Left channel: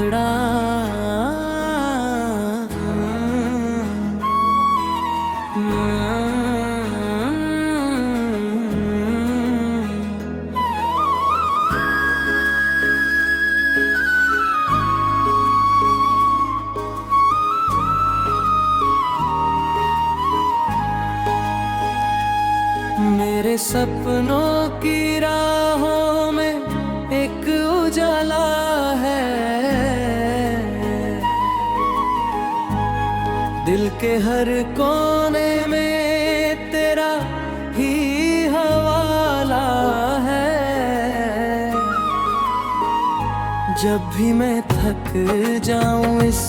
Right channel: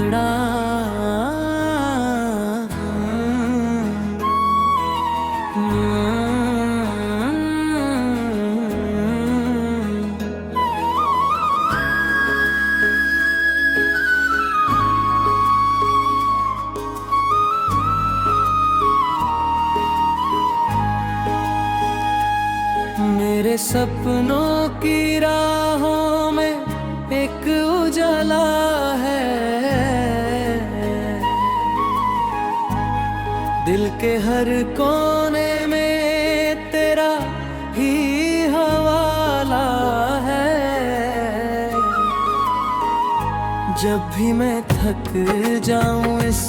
मुखड़ा। मेरे सपनों की राहों में एक उजाला है, दिल के हर कोने में तेरा ही हवाला है। जब भी मैं थक जाऊं इस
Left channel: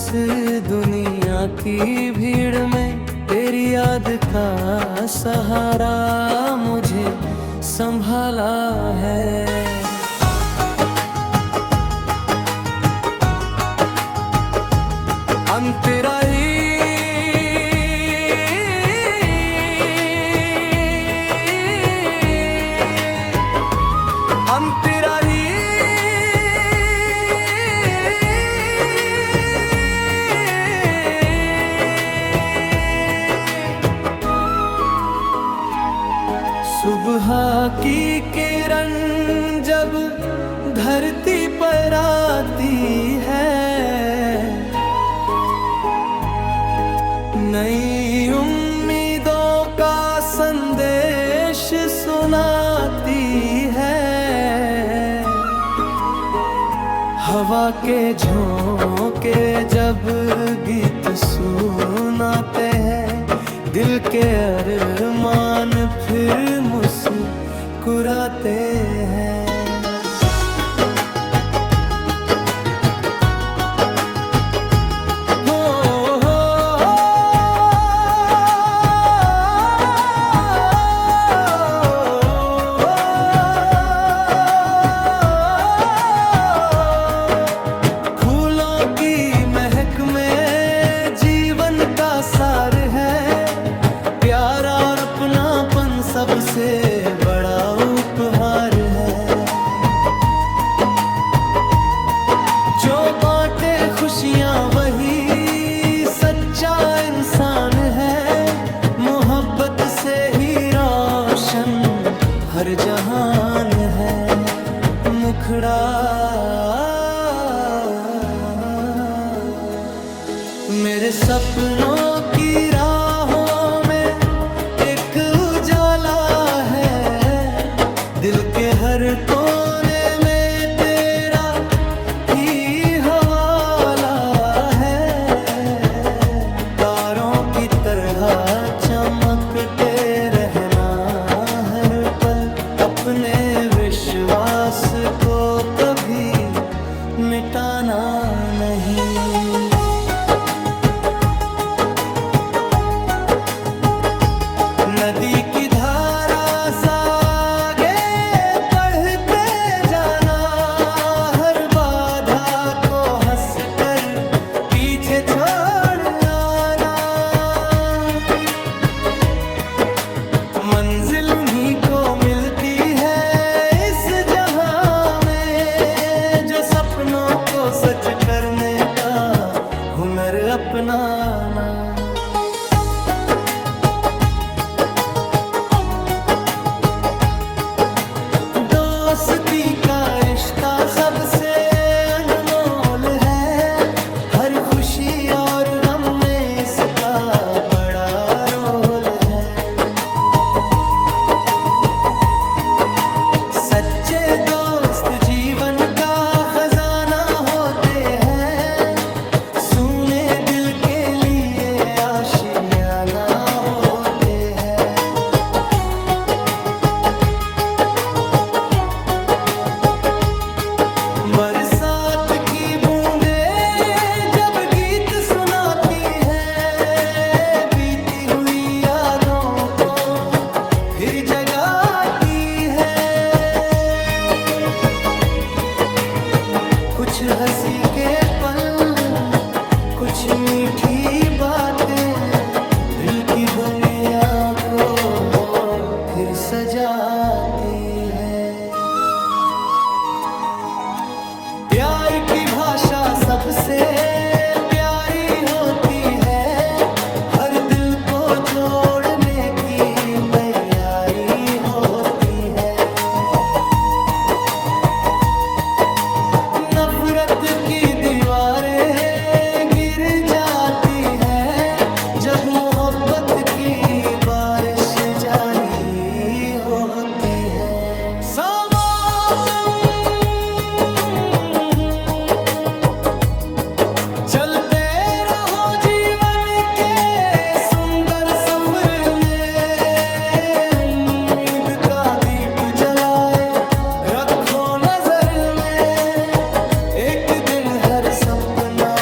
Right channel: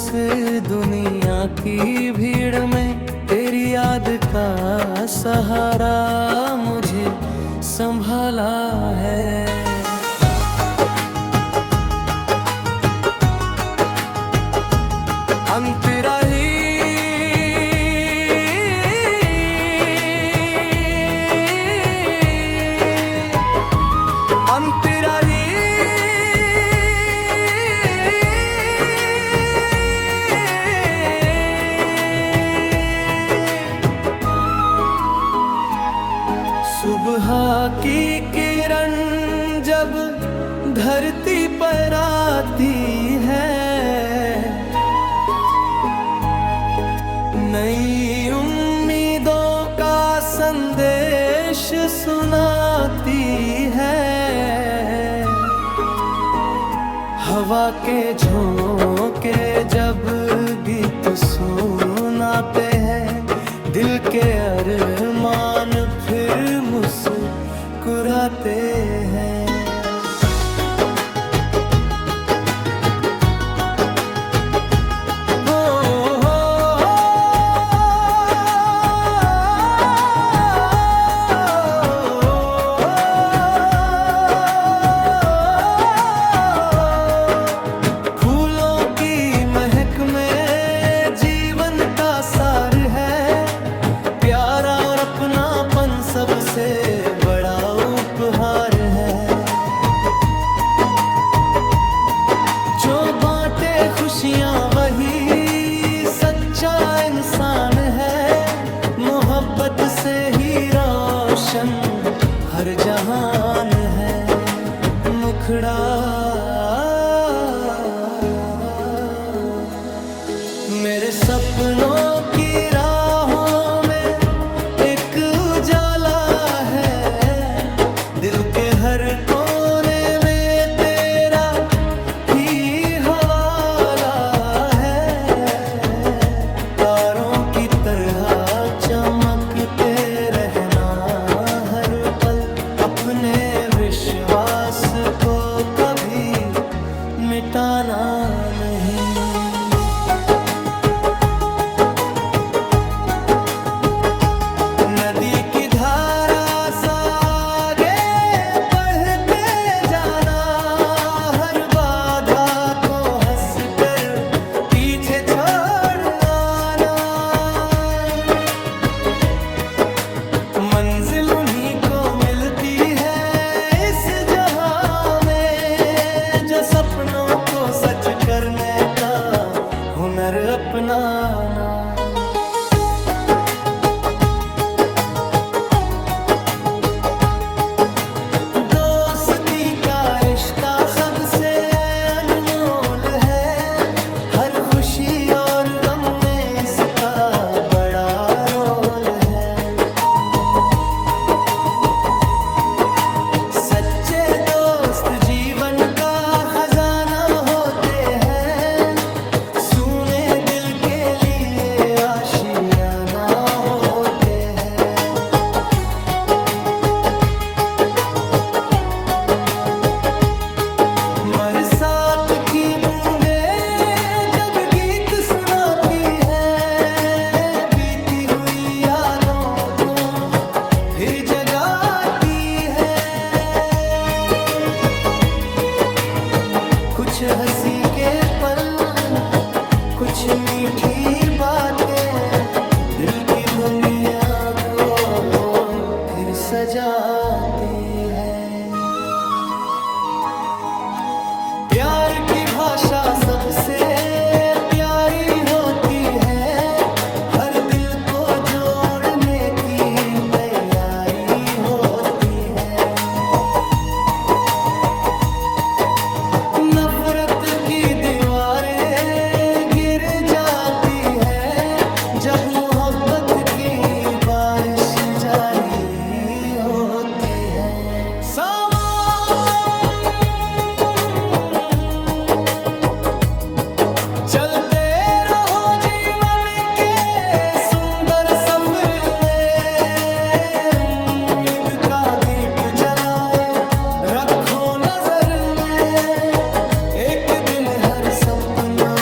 दुनिया की भीड़ में, तेरी याद का सहारा मुझे संभाला है। हम तेरा ही हम तेरा ही सुबह की किरण जब धरती पर आती है, नई उम्मीदों का संदेश सुनाती है। हवा के झोंके जब गीत सुनाते हैं, दिल के अरमान फिर मुस्कुराते हैं। फूलों की महक में जीवन का सार है, प्यारा और अपनापन सबसे बड़ा उपहार है। जो बांटे खुशियां वही सच्चा इंसान है, मोहब्बत से ही रोशन हर जहान है। मुखड़ा मेरे सपनों की राहों में एक उजाला है, दिल के हर कोने में तेरा ही हवाला है। तारों की तरह चमकते रहना हर पल, अपने विश्वास को कभी मिटाना नहीं। नदी की धारा सा आगे बढ़ते जाना, हर बाधा को हंसकर पीछे छोड़ आना। मंजिल उन्हीं को मिलती है इस जहां में, जो सपनों को सच करने का हुनर अपनाना। दोस्ती का रिश्ता सबसे अनमोल है, हर खुशी और गम में इसका बड़ा रोल है। सच्चे दोस्त जीवन का खजाना होते हैं, सूने दिल के लिए आशियाना होते हैं। बरसात की बूंदें जब गीत सुनाती है, बीती हुई यादों को फिर जगाती है। कुछ हंसी के पल, कुछ मीठी बातें, दिल की दुनिया को फिर सजाती है। प्यार प्यार की भाषा सबसे प्यारी होती है, हर दिल को जोड़ने की तैयारी होती है। नफरत की दीवारें गिर जाती है, जब मोहब्बत की बारिश जारी होती है। समापन चलते रहो जीवन के सुंदर सफर में, उम्मीद का दीप जलाए रखो नजर में, एक दिन हर सपना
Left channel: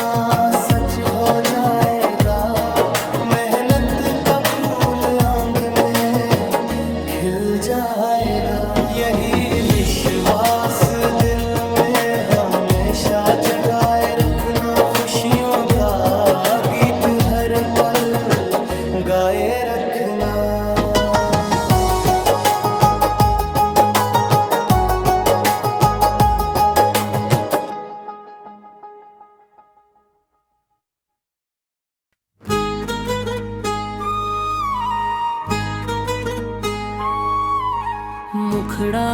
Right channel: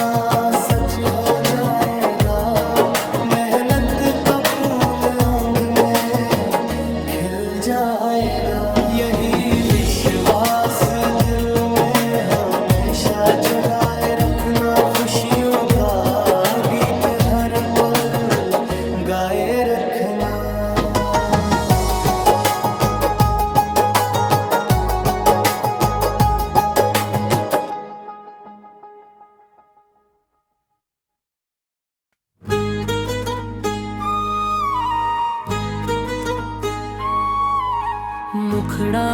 सच हो जाएगा, मेहनत का फूल आंग में खिल जाएगा। यही विश्वास दिल में हमेशा जगाए रखना, खुशियों का गीत हर पल गाए रखना। मुखड़ा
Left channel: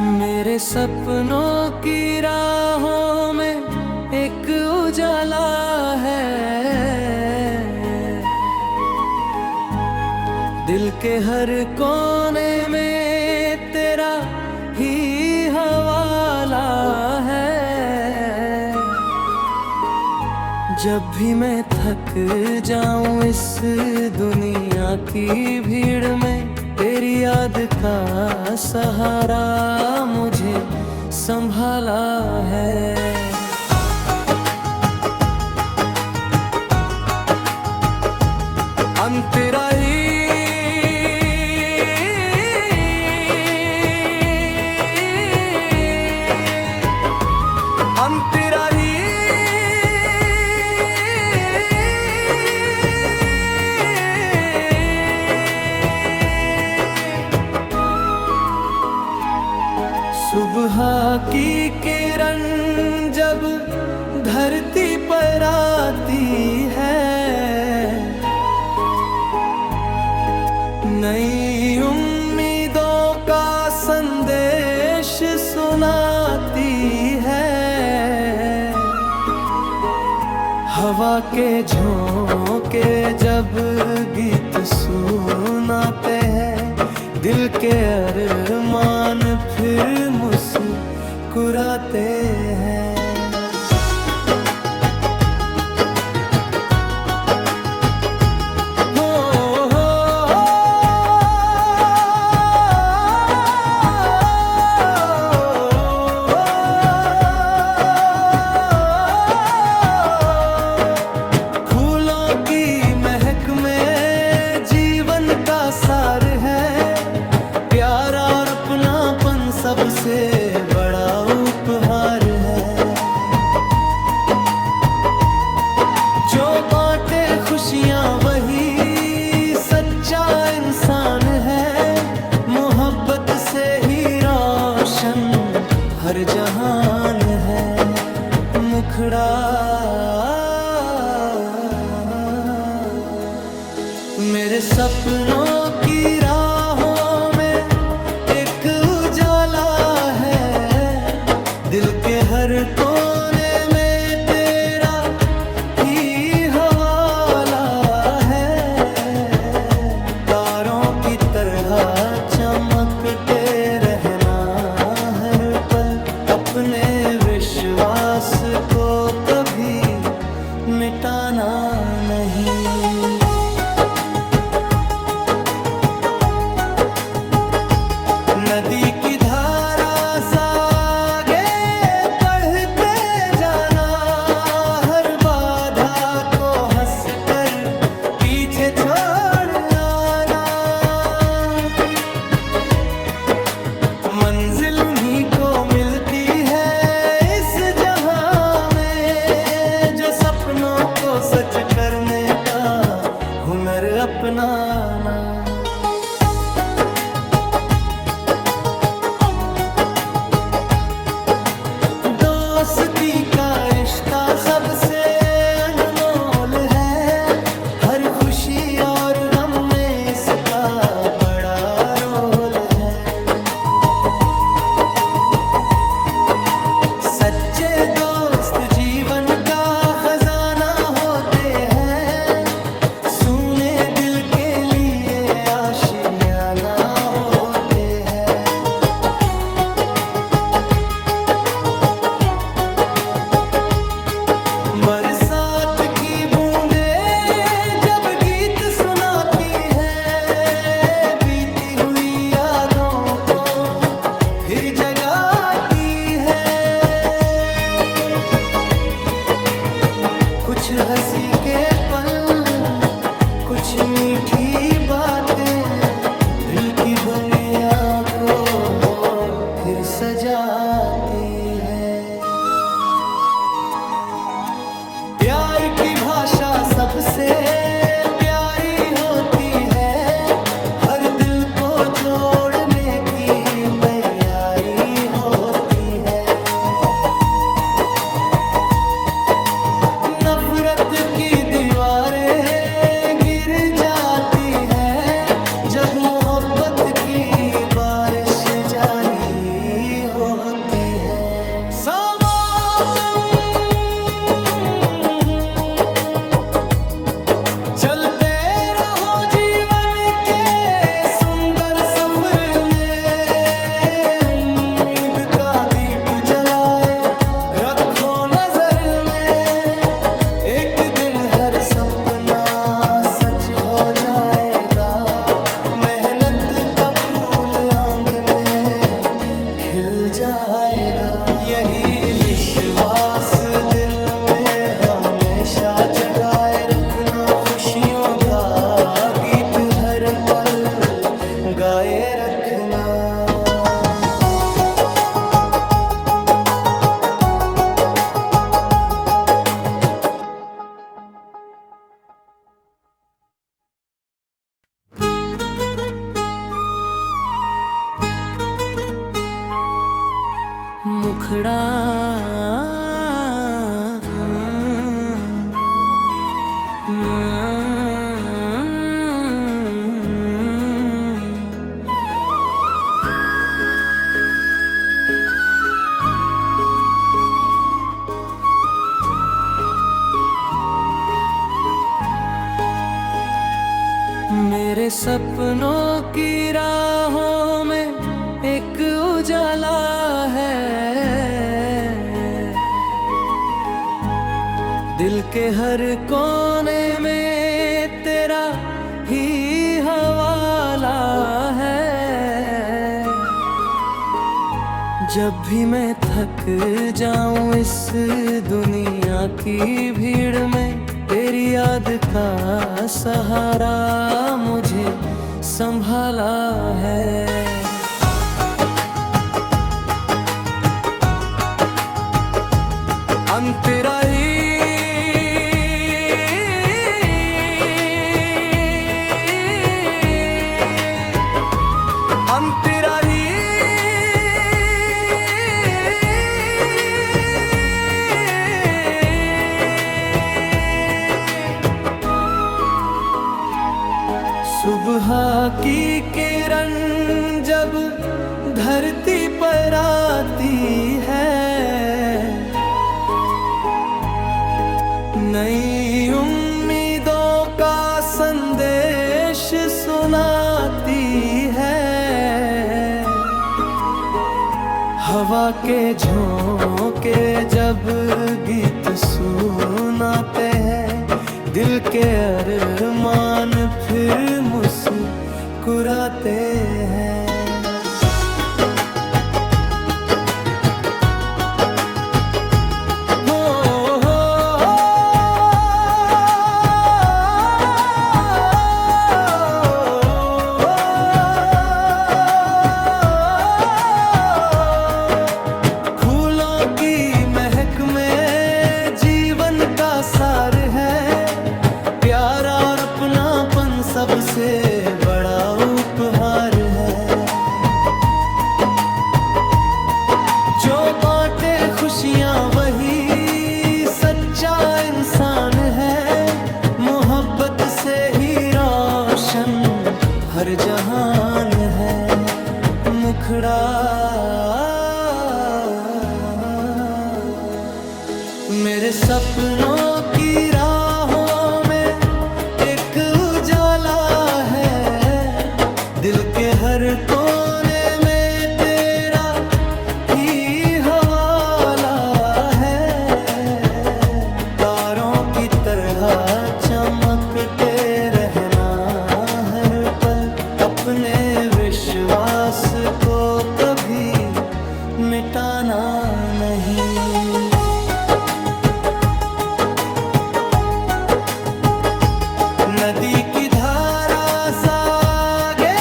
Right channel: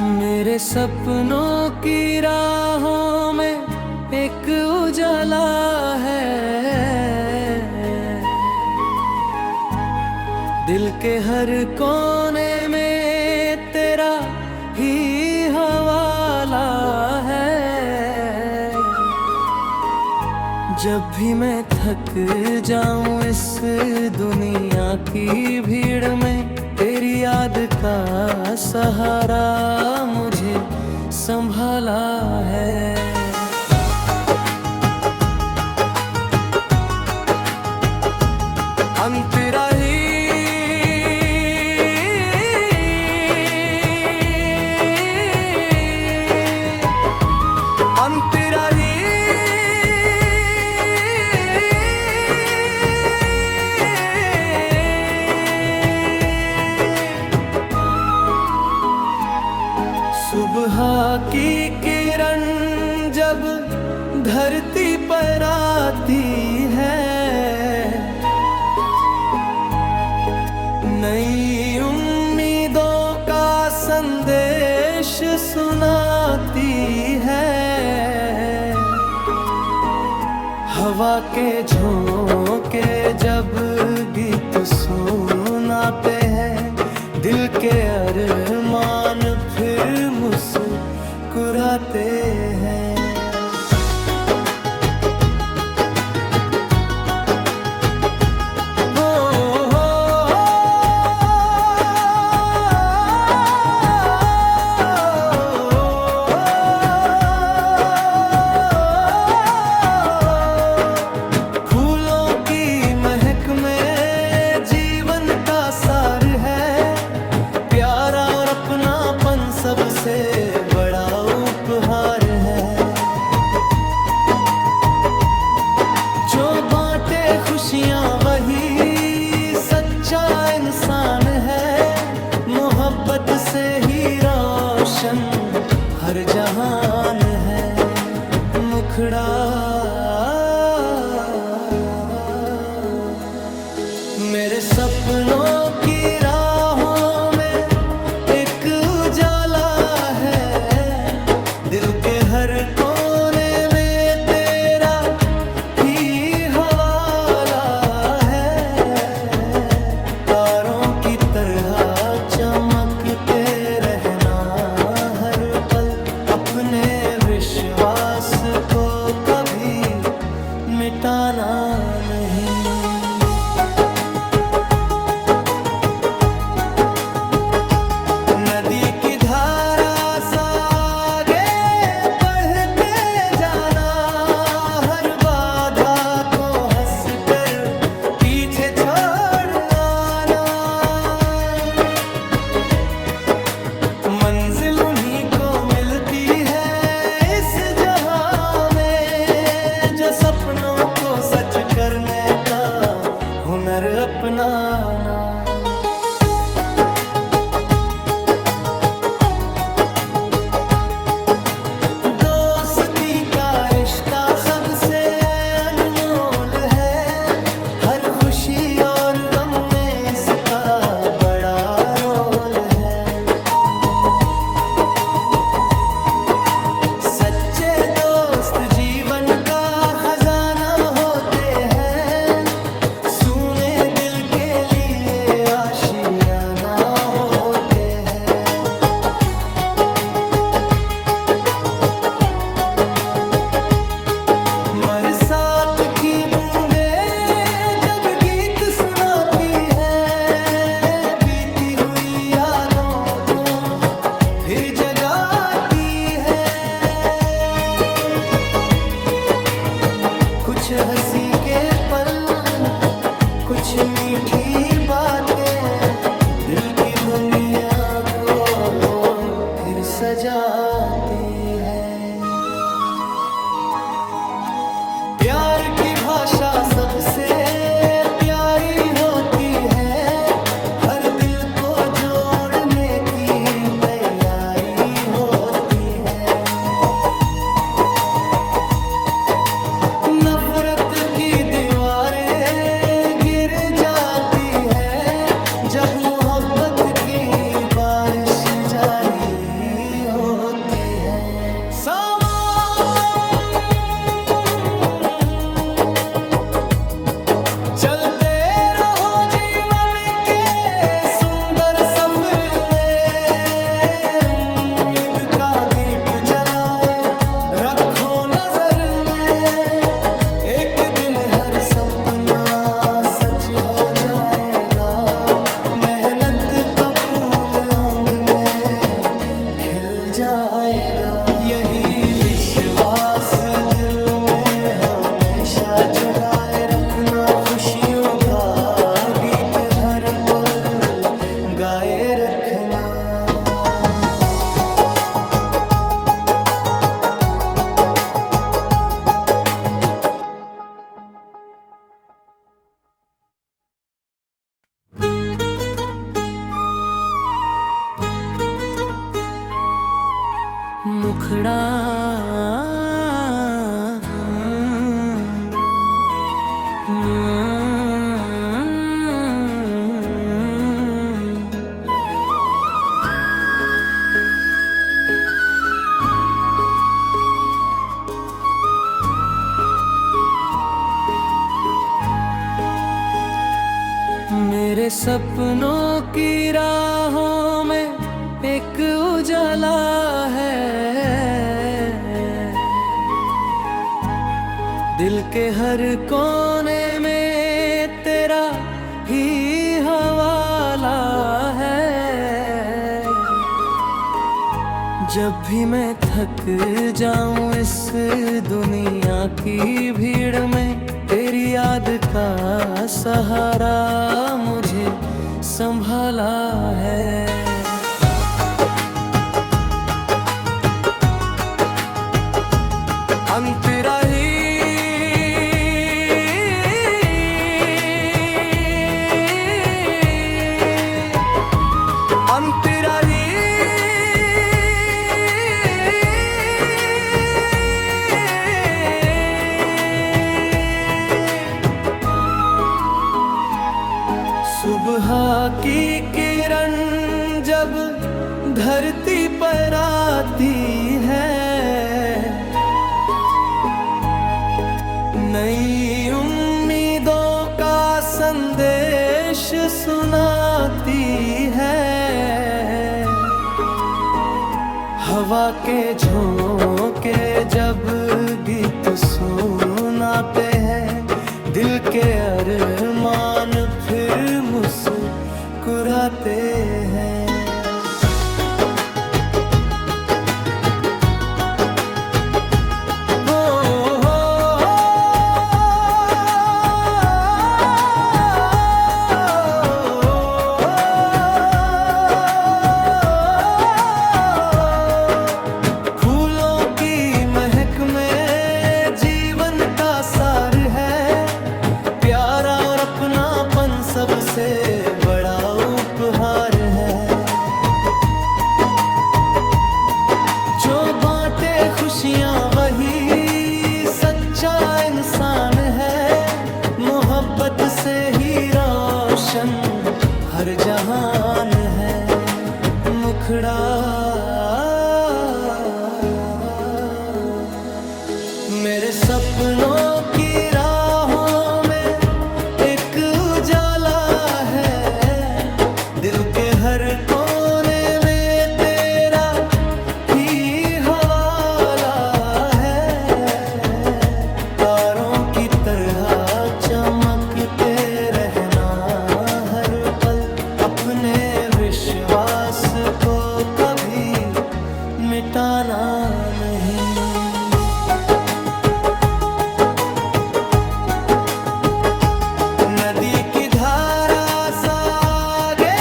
मेरे सपनों की राहों में एक उजाला है, दिल के हर कोने में तेरा ही हवाला है। जब भी मैं थक जाऊं इस दुनिया की भीड़ में, तेरी याद का सहारा मुझे संभाला है। अंतराही अंतराही सुबह की किरण जब धरती पर आती है, नई उम्मीदों का संदेश सुनाती है। हवा के झोंके जब गीत सुनाते हैं, दिल के अरमान फिर मुस्कुराते हैं। फूलों की महक में जीवन का सार है, प्यारा और अपनापन सबसे बड़ा उपहार है। जो बांटे खुशियां वही सच्चा इंसान है, मोहब्बत से ही रोशन हर जहान है। मुखड़ा मेरे सपनों की राहों में एक उजाला है, दिल के हर कोने में तेरा ही हवाला है। तारों की तरह चमकते रहना हर पल, अपने विश्वास को कभी मिटाना नहीं। नदी की धारा सा आगे बढ़ते जाना, हर बाधा को हंसकर पीछे छोड़ आना। सपनों को सच करने का हुनर अपनाना। दोस्ती का रिश्ता सबसे अनमोल है, हर खुशी और गम में इसका बड़ा रोल है। सच्चे दोस्त जीवन का खजाना होते हैं, सुने दिल के लिए आशियाना होते हैं। बरसात की बूंदें जब गीत सुनाती है, बीती हुई यादों को फिर जगाती है। कुछ हंसी के पल, कुछ मीठी बातें दिल की दुनिया को फिर सजाती है। प्यार की भाषा सबसे प्यारी होती है, हर दिल को जोड़ने की तैयारी होती है। नफरत की दीवारें गिर जाती है, जब मोहब्बत की बारिश जारी होती है। समापन चलते रहो जीवन के सुंदर सफर में, उम्मीद का दीप जलाए रखो नजर में। एक दिन हर सपना सच हो जाएगा, मेहनत का फूल आंग में खिल जाएगा। यही विश्वास दिल में हमेशा जगाए रखना, खुशियों का गीत हर पल गाए रखना। मुखड़ा मेरे सपनों की राहों में एक उजाला है, दिल के हर कोने में तेरा ही हवाला है। जब भी मैं थक जाऊं इस दुनिया की भीड़ में, तेरी याद का सहारा मुझे संभाला है। अंतराही अंतराही सुबह की किरण जब धरती पर आती है, नई उम्मीदों का संदेश सुनाती है। हवा के झोंके जब गीत सुनाते हैं, दिल के अरमान फिर मुस्कुराते हैं। फूलों की महक में जीवन का अपनापन सबसे बड़ा उपहार है। जो बांटे खुशियां वही सच्चा इंसान है। मोहब्बत से ही रोशन हर जहान है। मुखड़ा मेरे सपनों की राहों में एक उजाला है। दिल के हर कोने में तेरा ही हवाला है। तारों की तरह चमकते रहना हर पल। अपने विश्वास को कभी मिटाना नहीं। नदी की धारा सा आगे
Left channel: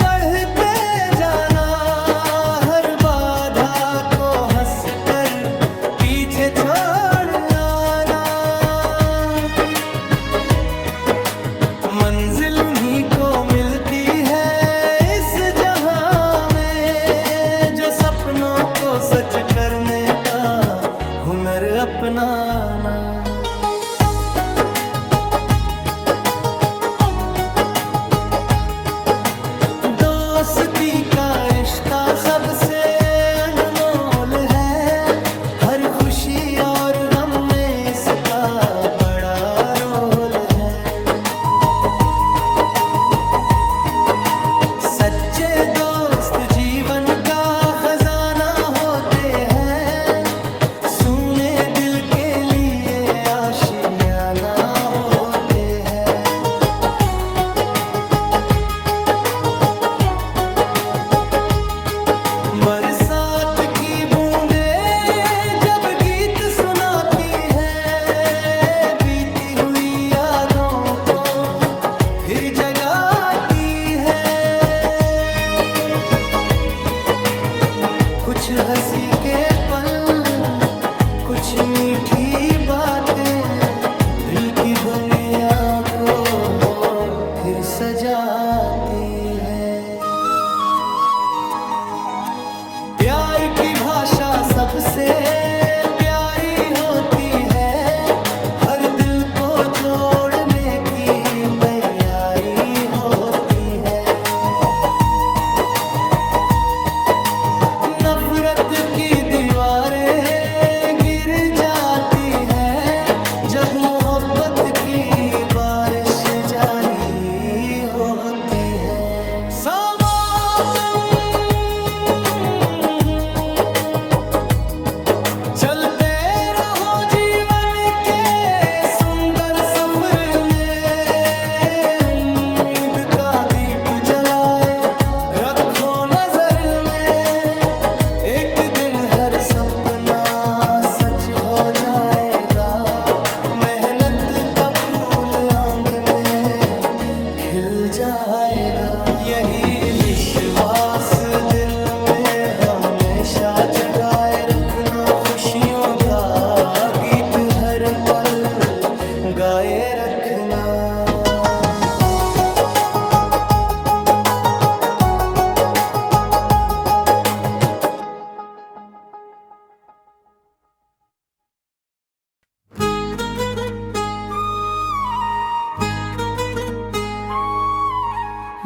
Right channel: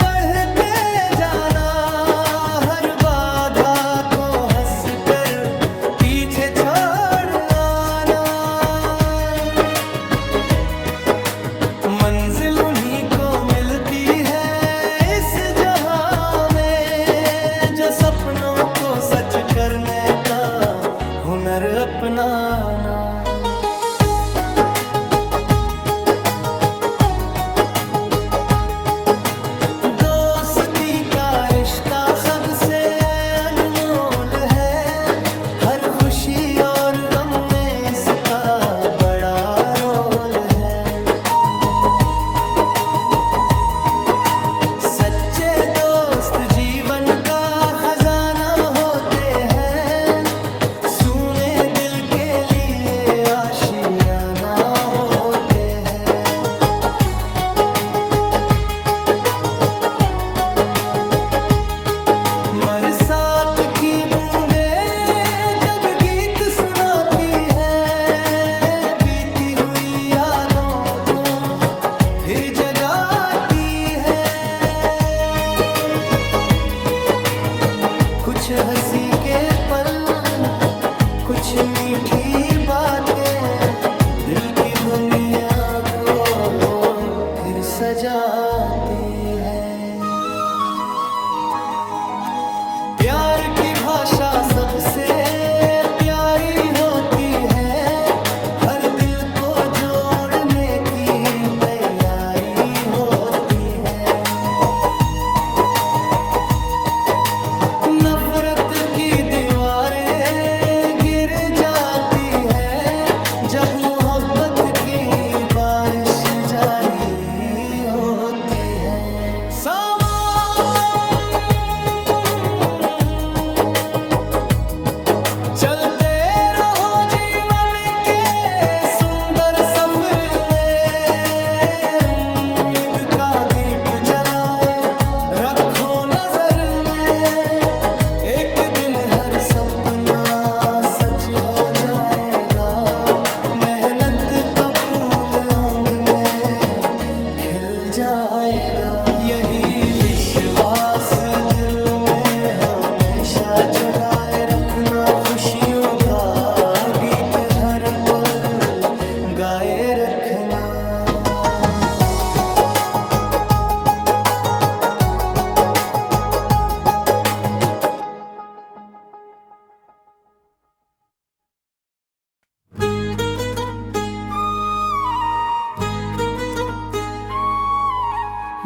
बढ़ते जाना। हर बाधा को हंसकर पीछे छोड़ आना। मंजिल उन्हीं को मिलती है इस जहां में, जो सपनों को सच करने का हुनर अपनाना। दोस्ती का रिश्ता सबसे अनमोल है। हर खुशी और गम में इसका बड़ा रोल है। सच्चे दोस्त जीवन का खजाना होते हैं। सूने दिल के लिए आशियाना होते हैं। बरसात की बूंदें जब गीत सुनाती है। बीती हुई यादों को फिर जगाती है। कुछ हंसी के पल, कुछ मीठी बातें दिल की दुनिया को फिर सजाती है। प्यार की भाषा सबसे प्यारी होती है। हर दिल को जोड़ने की तैयारी होती है। नफरत की दीवारें गिर जाती है। जब मोहब्बत की बारिश जारी होती है। चलते रहो जीवन के सुंदर सफर में। उम्मीद का दीप जलाए रखो नजर में। एक दिन हर सपना सच हो जाएगा। मेहनत का फूल आंग में खिल जाएगा। यही विश्वास दिल में हमेशा जगाए रखना। खुशियों का गीत हर पल गाए रखना।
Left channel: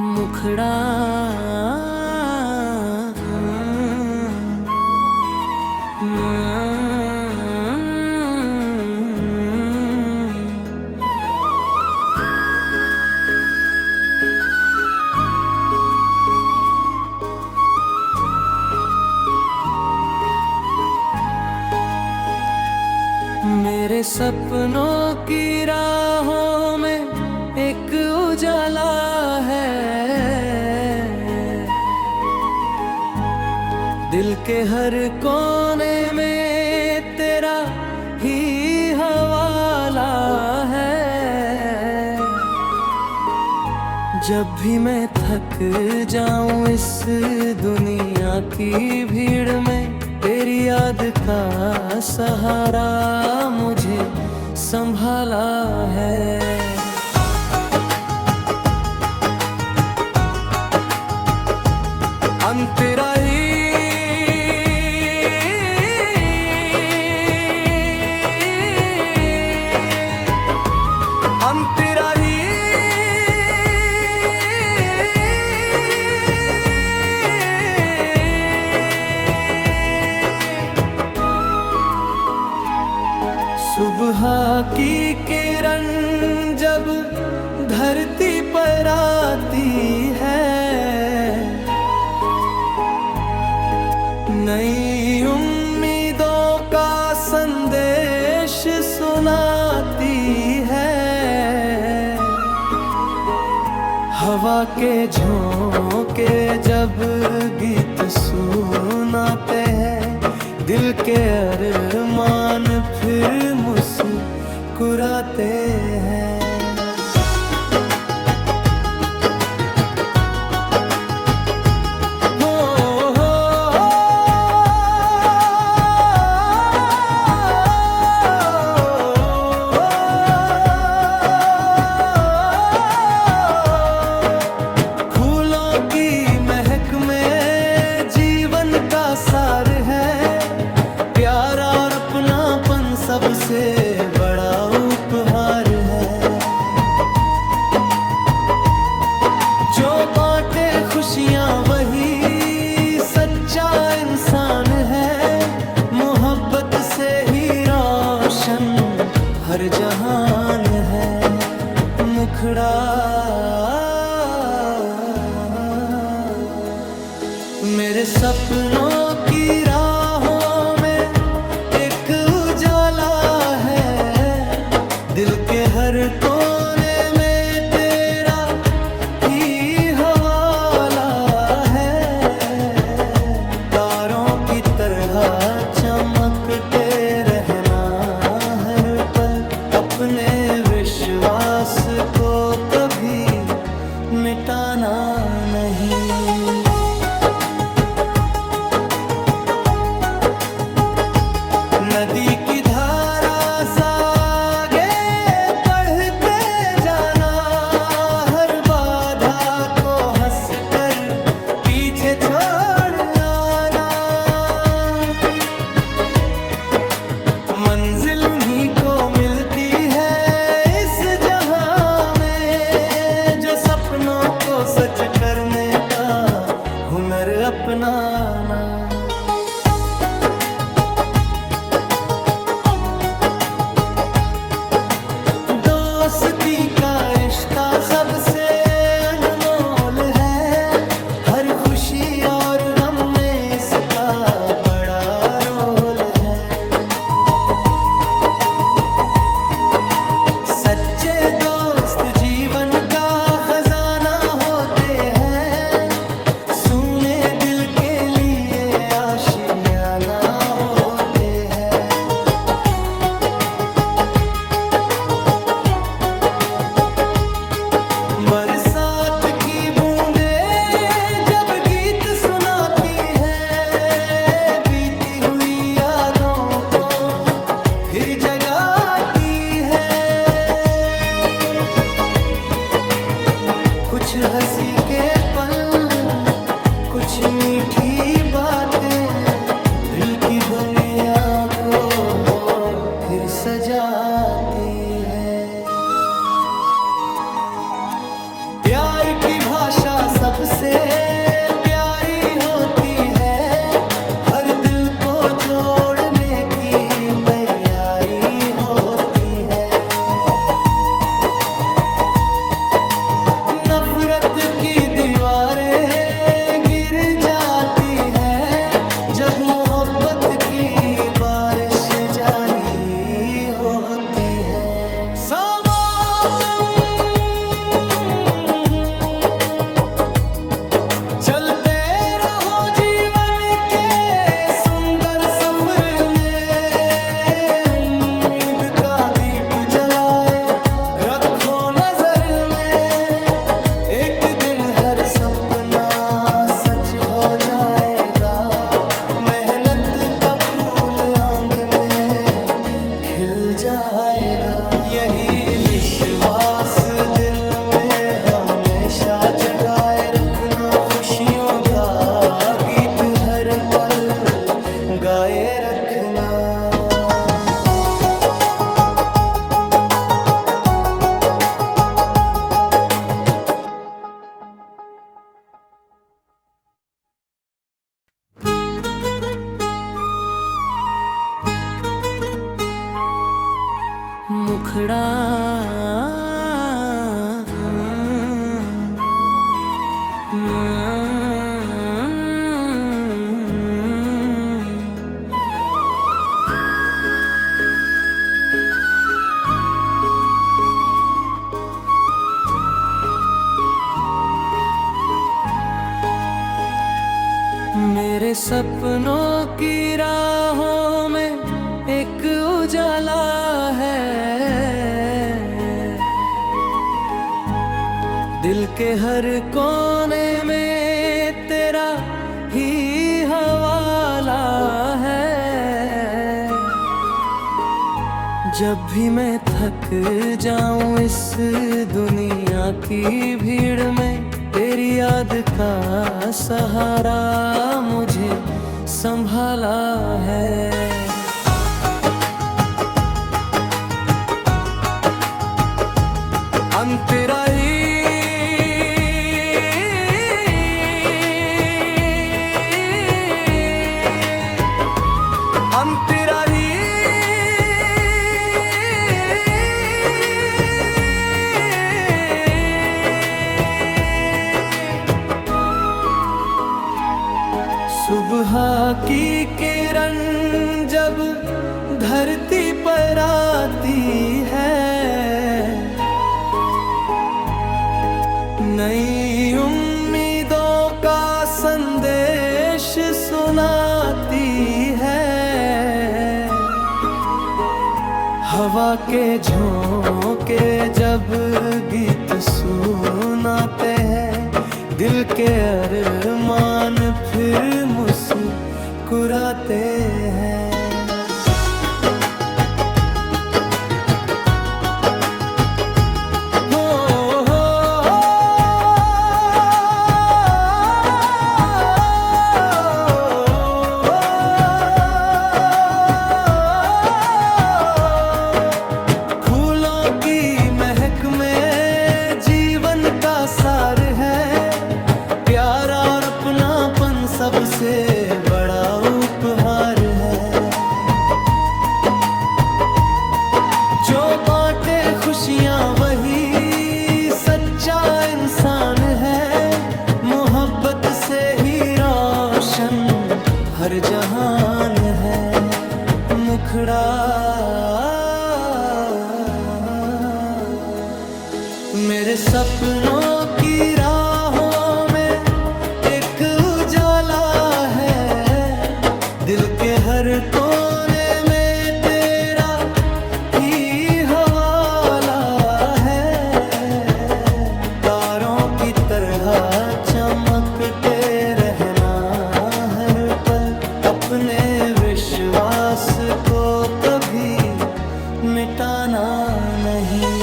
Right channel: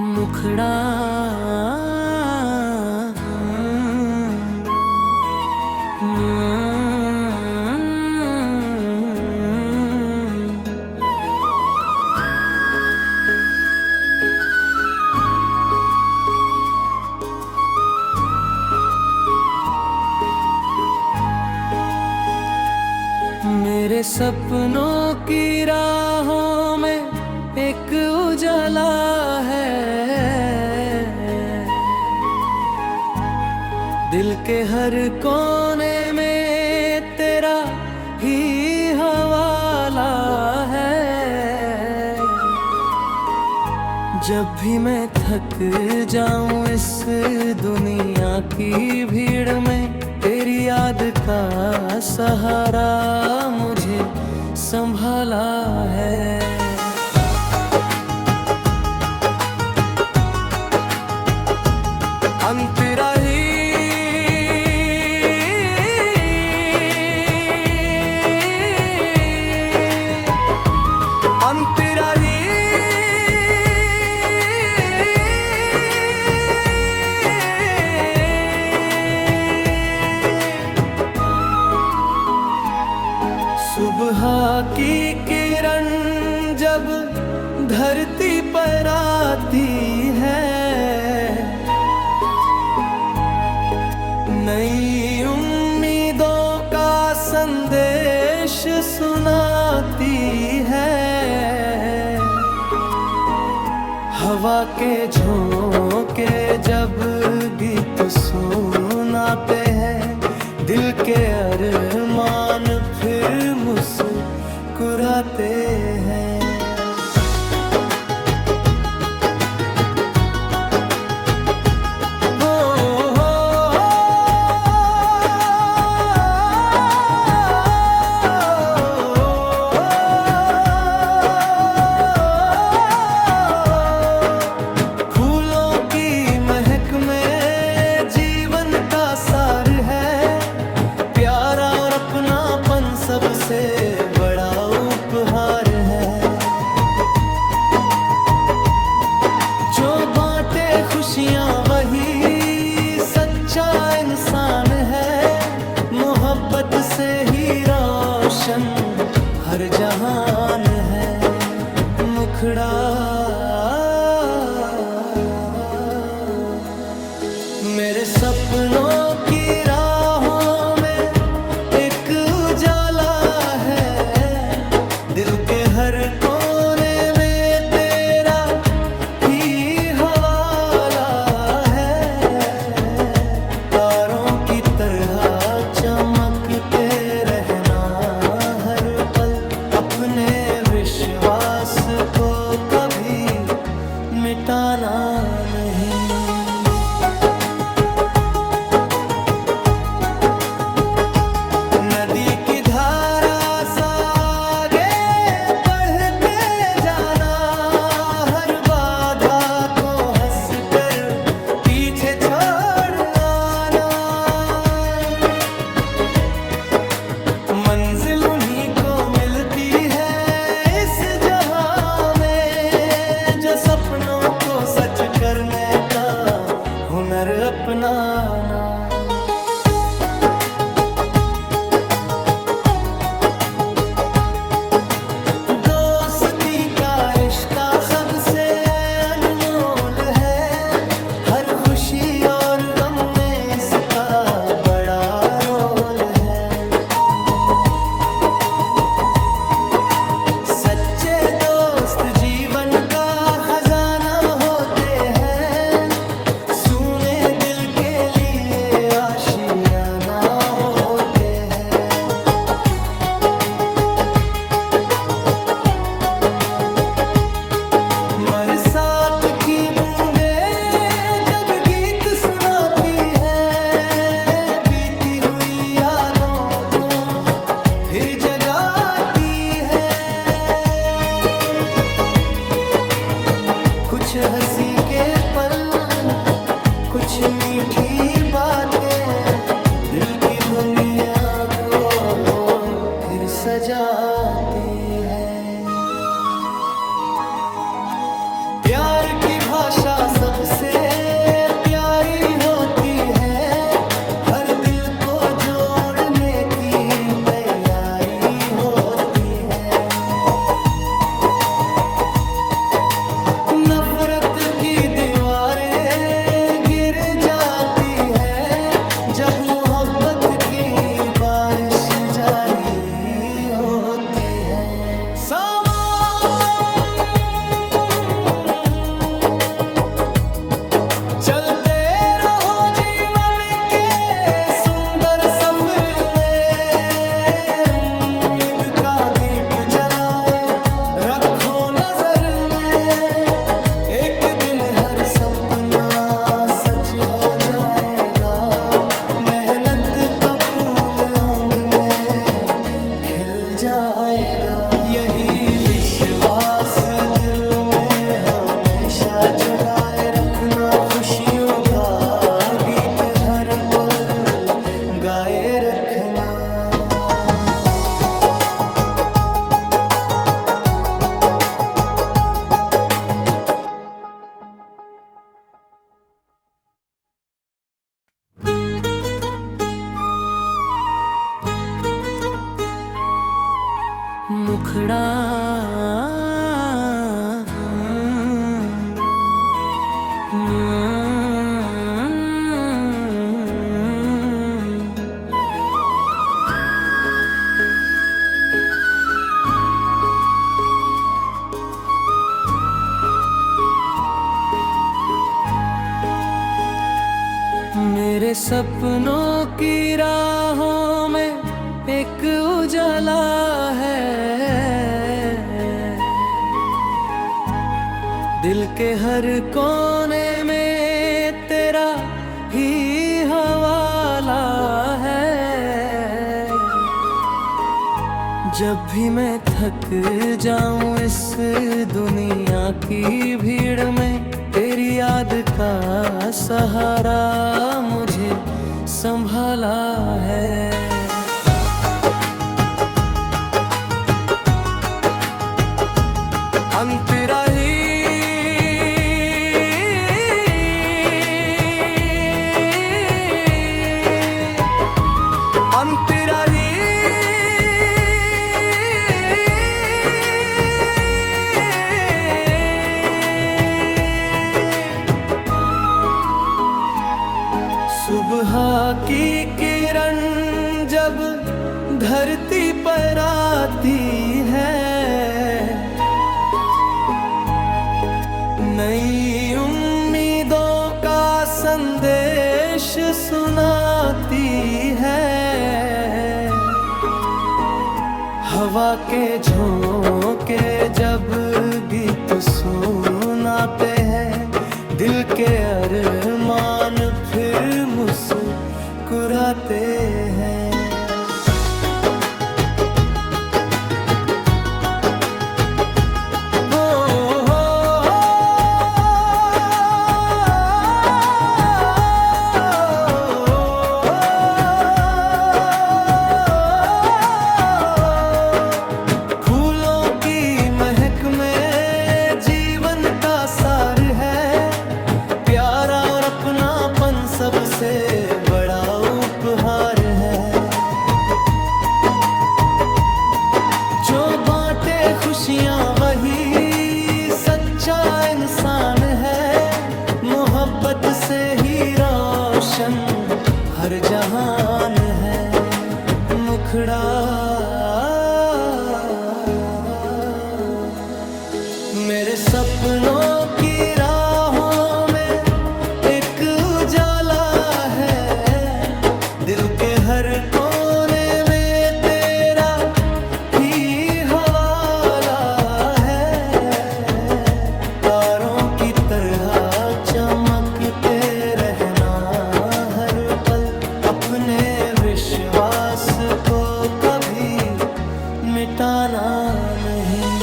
मुखड़ा मेरे सपनों की राहों में एक उजाला है। दिल के हर कोने में तेरा ही हवाला है। जब भी मैं थक जाऊं इस दुनिया की भीड़ में, तेरी याद का सहारा मुझे संभाला है। अंतराही अंतराही सुबह की किरण जब धरती पर आती है, नई उम्मीदों का संदेश सुनाती है। हवा के झोंके जब गीत सुनाते हैं, दिल के अरमान फिर मुस्कुराते हैं। फूलों की महक में जीवन का सार है, प्यारा और अपनापन सबसे बड़ा उपहार है। जो बांटे खुशियां वही सच्चा इंसान है, मोहब्बत से ही रोशन हर जहान है। मुखड़ा मेरे सपनों की राहों में एक उजाला है, दिल के हर कोने में तेरा ही हवाला है। तारों की तरह चमकते रहना हर पल, अपने विश्वास को कभी मिटाना नहीं। नदी की धारा सा आगे बढ़ते जाना, हर बाधा को हंसकर पीछे छोड़ आना। मंजिल उन्हीं को मिलती है इस जहां में, जो सपनों को सच करने का हुनर अपनाना। दोस्ती का रिश्ता सबसे अनमोल है, हर खुशी और गम में इसका बड़ा रोल है। सच्चे दोस्त जीवन का खजाना होते हैं, सुने दिल के लिए आशियाना होते हैं। बरसात की बूंदें जब गीत सुनाती है, बीती हुई यादों को फिर जगाती है। कुछ हंसी के पल, कुछ मीठी बातें, दिल की दुनिया को फिर सजाती है। प्यार की भाषा सबसे प्यारी होती है, हर दिल को जोड़ने की तैयारी होती है। नफरत की दीवारें गिर जाती है, जब मोहब्बत की बारिश जारी होती है। चलते रहो जीवन के सुंदर सफर में, उम्मीद का दीप जलाए रखो नजर में। एक दिन हर सपना सच हो जाएगा, मेहनत का फूल आंग में खिल जाएगा। यही विश्वास दिल में हमें हमेशा जगाए रखना, खुशियों का गीत हर पल गाए रखना। मुखड़ा मेरे सपनों की राहों में एक उजाला है, दिल के हर कोने में तेरा ही हवाला है। जब भी मैं थक जाऊं इस दुनिया की भीड़ में, तेरी याद का सहारा मुझे संभाला है। अंतराही अंतराही सुबह की किरण जब धरती पर आती है, नई उम्मीदों का संदेश सुनाती है। हवा के झोंके जब गीत सुनाते हैं, दिल के अरमान फिर मुस्कुराते हैं। फूलों की महक में जीवन का सार है, प्यारा और अपनापन सबसे बड़ा उपहार है। जो बांटे खुशियां वही सच्चा इंसान है, मोहब्बत से ही रोशन हर जहान है। मुखड़ा मेरे सपनों की राहों में एक उजाला है, दिल के हर कोने में तेरा ही हवाला है। तारों की तरह चमकते रहना हर पल, अपने विश्वास को कभी मिटाना नहीं।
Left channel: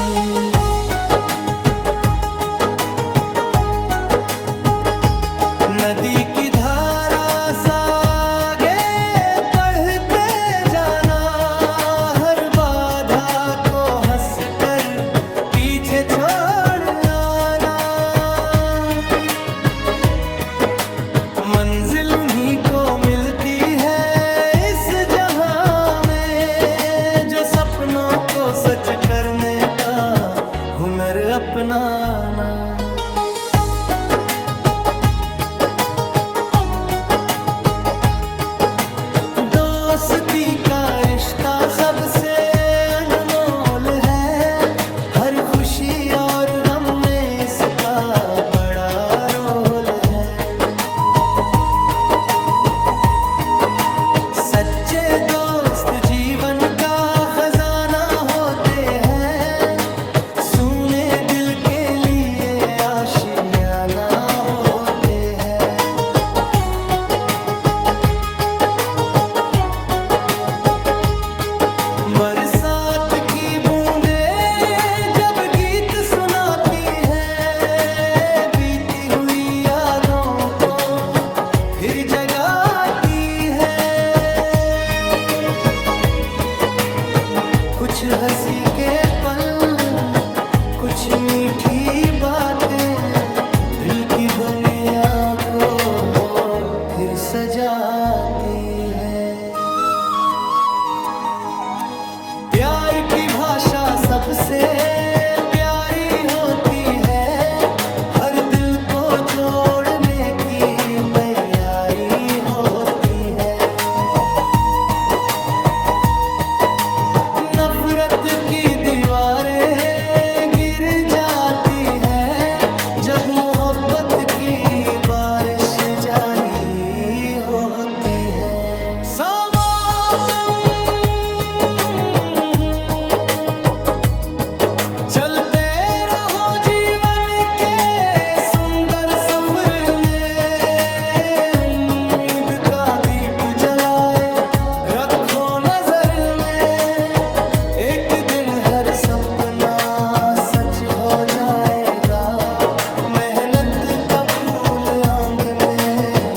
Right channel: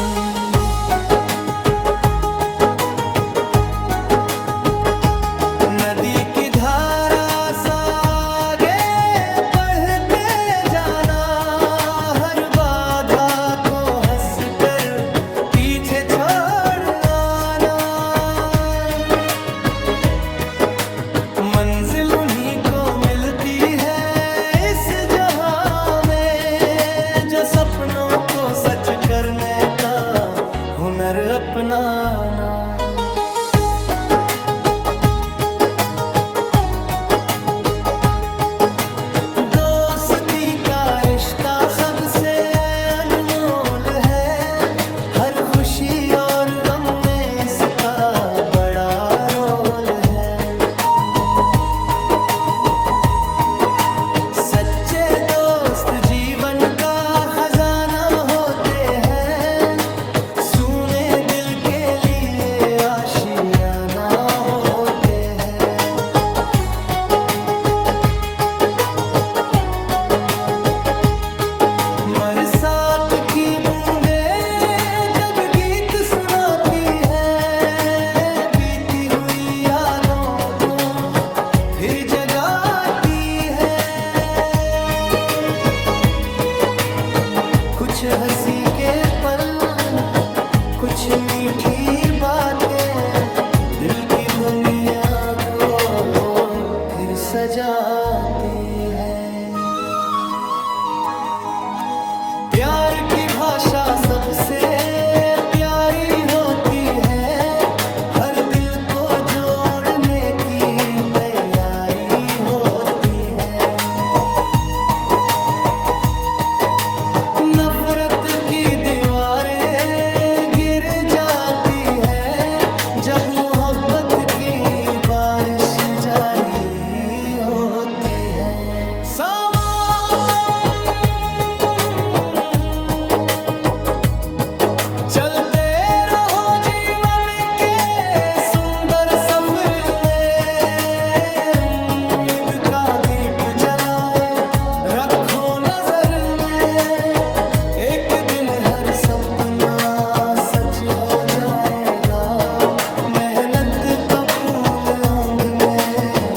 नदी की धारा सा आगे बढ़ते जाना, हर बाधा को हंसकर पीछे छोड़ आना। मंजिल उन्हीं को मिलती है इस जहां में, जो सपनों को सच करने का हुनर अपनाना। दोस्ती का रिश्ता सबसे अनमोल है, हर खुशी और गम में इसका बड़ा रोल है। सच्चे दोस्त जीवन का खजाना होते हैं, सूने दिल के लिए आशियाना होते हैं। बरसात की बूंदे जब गीत सुनाती है, कुछ हंसी के पल, कुछ मीठी बातें दिल की दुनिया को फिर सजाती है। प्यार की भाषा सबसे प्यारी होती है, हर दिल को जोड़ने की तैयारी होती है। नफरत की दीवारें गिर जाती है, जब मोहब्बत की बारिश जारी होती है। समापन चलते रहो जीवन के सुंदर सफर में, उम्मीद का दीप जलाए रखो नजर में, एक दिन हर सपना सच हो जाएगा, मेहनत का फूल आंग में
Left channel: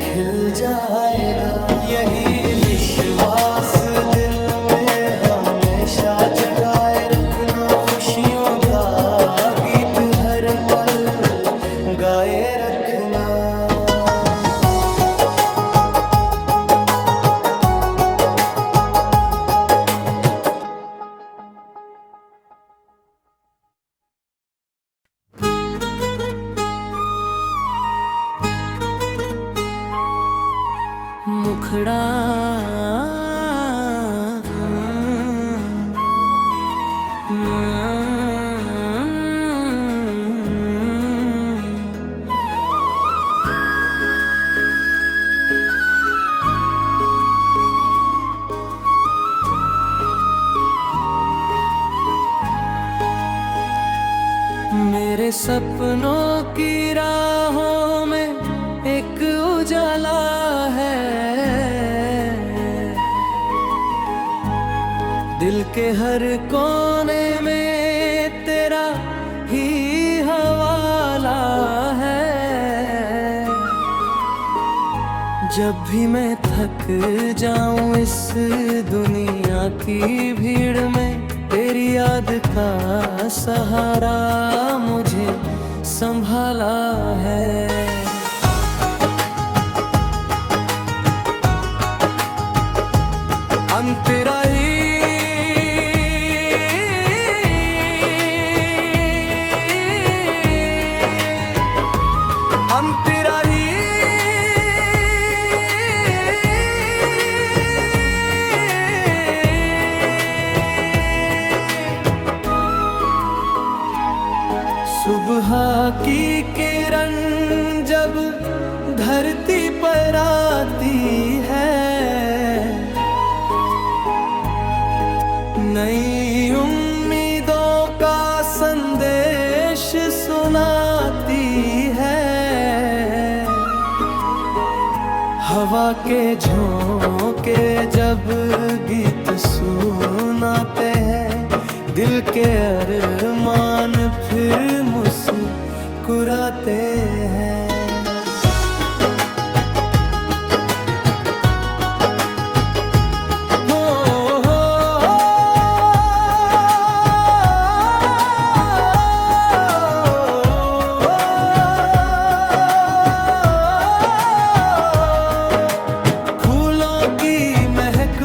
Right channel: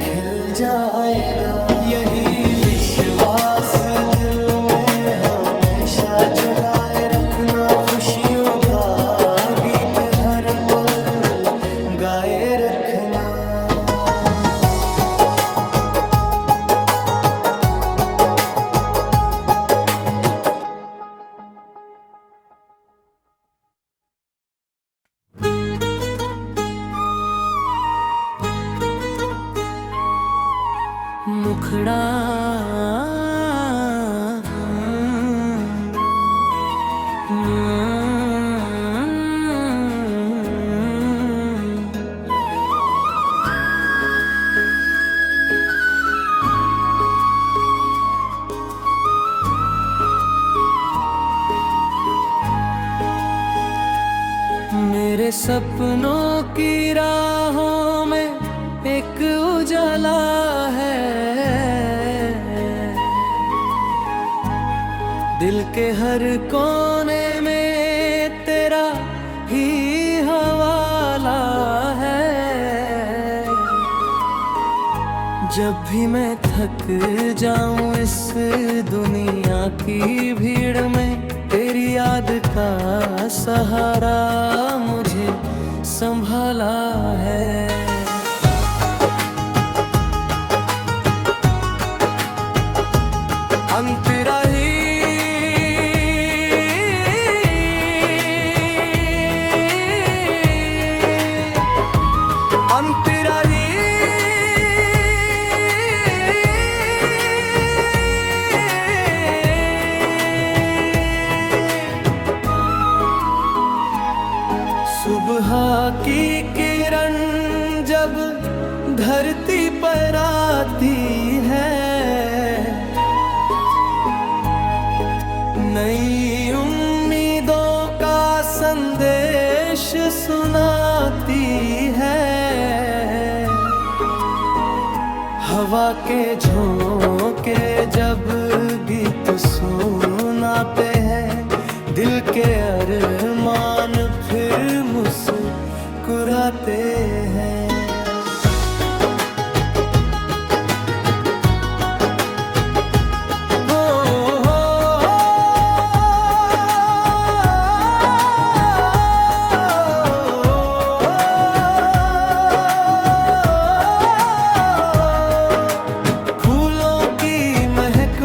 खिल जाएगा। यही विश्वास दिल में हमेशा जगाए रखना, खुशियों का गीत हर पल गाए रखना। मुखड़ा मेरे सपनों की राहों में एक उजाला है, दिल के हर कोने में तेरा ही हवाला है। जब भी मैं थक जाऊं इस दुनिया की भीड़ में, तेरी याद का सहारा मुझे संभाला है। अंतराही अंतराही सुबह की किरण जब धरती पर आती है, नई उम्मीदों का संदेश सुनाती है। हवा के झोंके जब गीत सुनाते हैं, दिल के अरमान फिर मुस्कुराते हैं।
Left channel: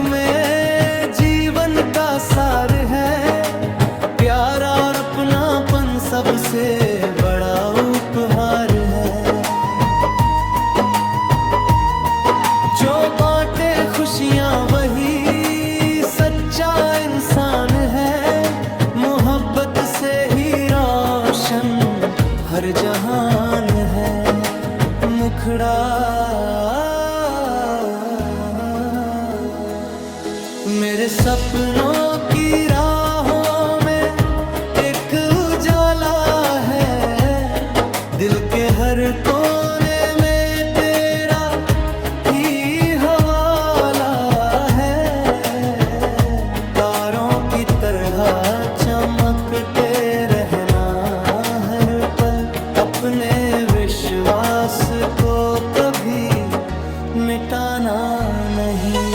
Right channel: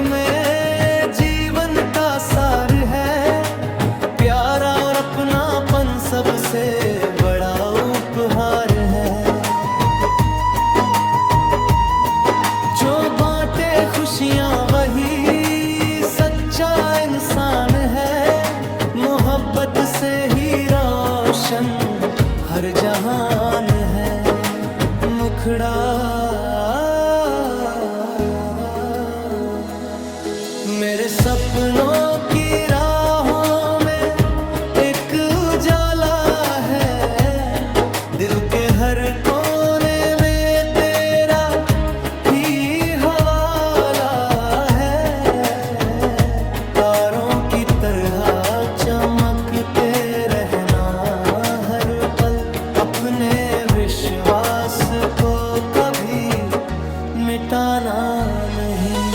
में जीवन का सार है, प्यार और अपनापन सबसे बड़ा उपहार है। जो बांटे खुशियां वही सच्चा इंसान है, मोहब्बत से ही रोशन हर जहान है। मुखड़ा मेरे सपनों की राहों में एक उजाला है, दिल के हर कोने में तेरा ही हवाला है। तारों की तरह चमकते रहना हर पल, अपने विश्वास को कभी मिटाना नहीं।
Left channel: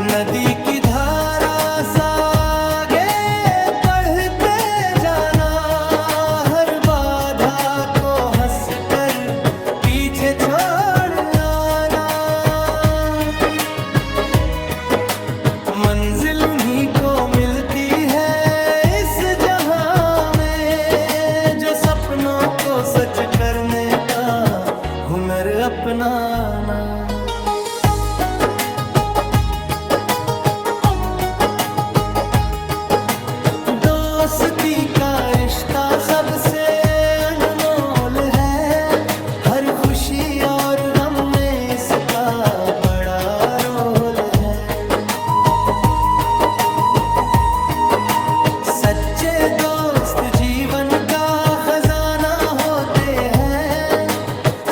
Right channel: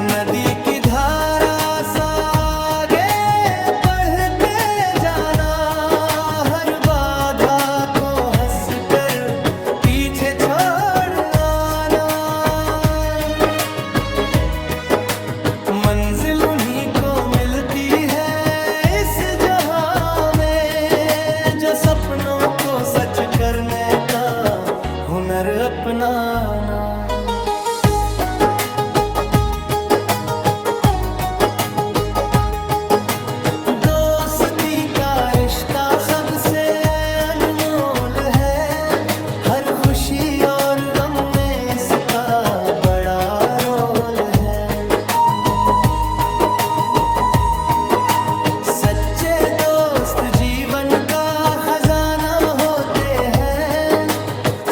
नदी की धारा सा आगे बढ़ते जाना, हर बाधा को हंस कर पीछे छोड़ आना। मंजिल उन्हीं को मिलती है इस जहां में, जो सपनों को सच करने का हुनर अपनाना। दोस्ती का रिश्ता सबसे अनमोल है, हर खुशी और गम में इसका बड़ा रोल है। सच्चे दोस्त जीवन का खजाना होते हैं,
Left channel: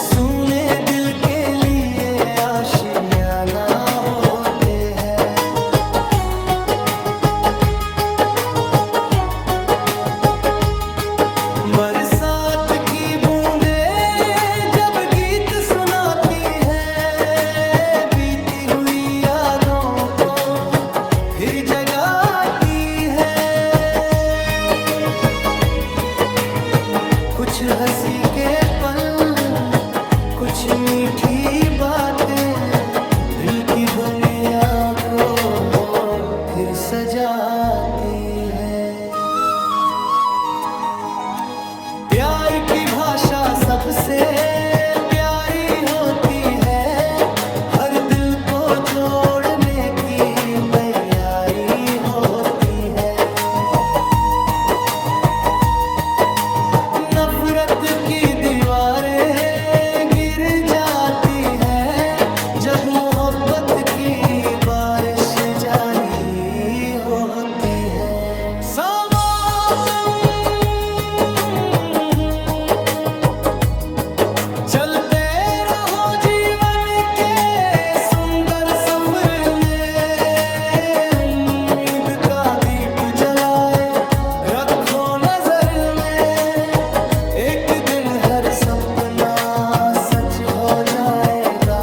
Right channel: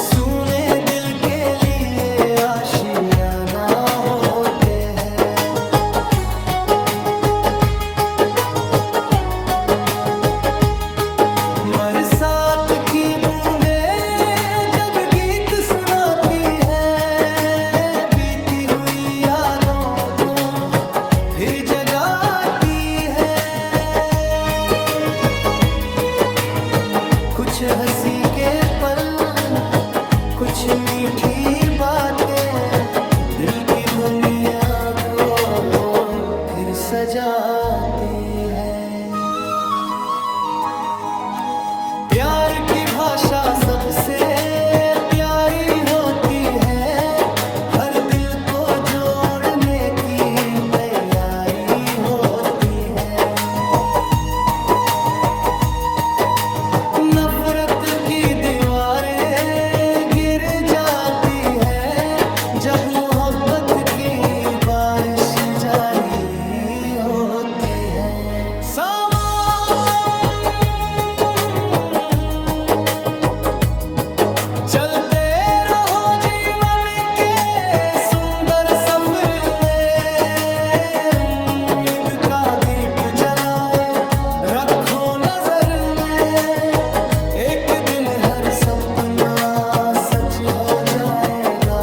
सुने दिल के लिए आशियाना होते हैं। बरसात की बूंदे जब गीत सुनाती है, बीती हुई यादों को फिर जगाती है। कुछ हंसी के पल, कुछ मीठी बातें, दिल की दुनिया को फिर सजाती है। प्यार की भाषा सबसे प्यारी होती है, हर दिल को जोड़ने की तैयारी होती है। नफरत की दीवारें गिर जाती है, जब मोहब्बत की बारिश जारी होती है। समापन चलते रहो जीवन के सुंदर सफर में, उम्मीद का दीप जलाए रखो नजर में। एक दिन हर सपना सच हो जाएगा,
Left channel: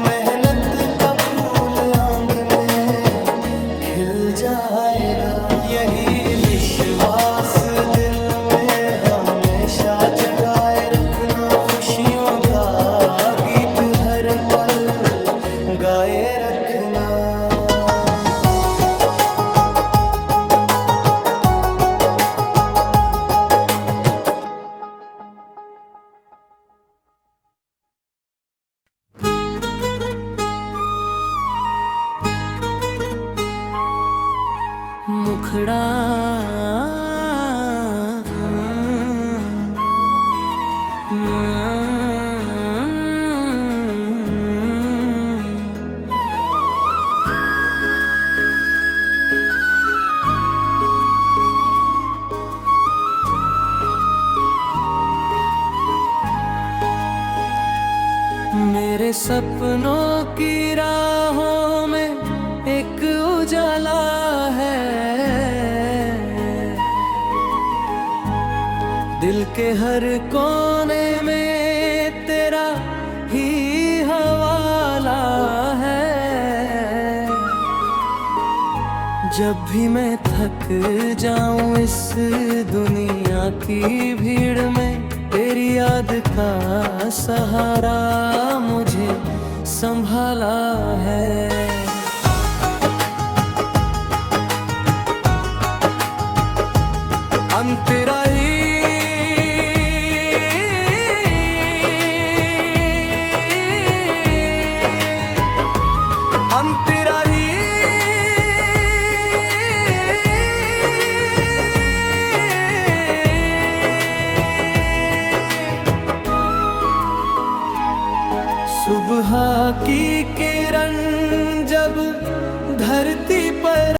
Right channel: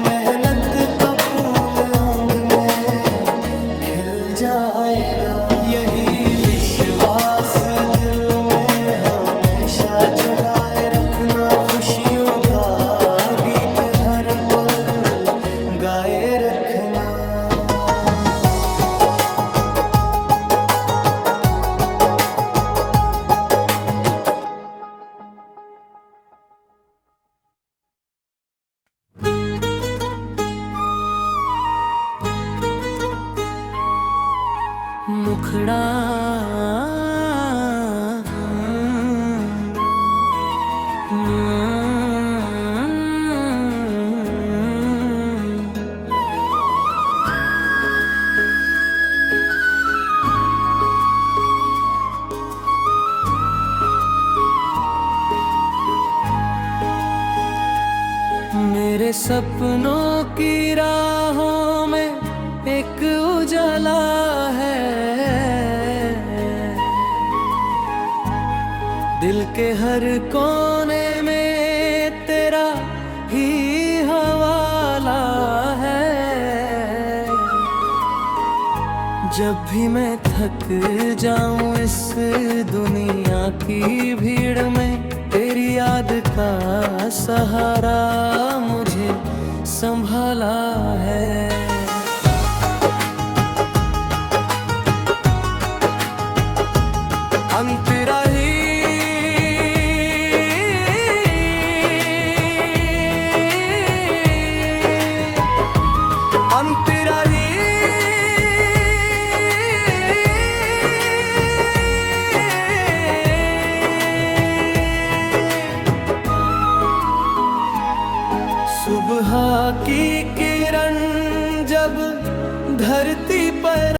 मेहनत का फूल आंगन में खिल जाएगा। यही विश्वास दिल में हमेशा जगाए रखना, खुशियों का गीत हर पल गाए रखना। मुखड़ा मेरे सपनों की राहों में एक उजाला है, दिल के हर कोने में तेरा ही हवाला है। जब भी मैं थक जाऊं इस दुनिया की भीड़ में, तेरी याद का सहारा मुझे संभाला है। अंतरा ही अंतरा ही सुबह की किरण जब धरती पर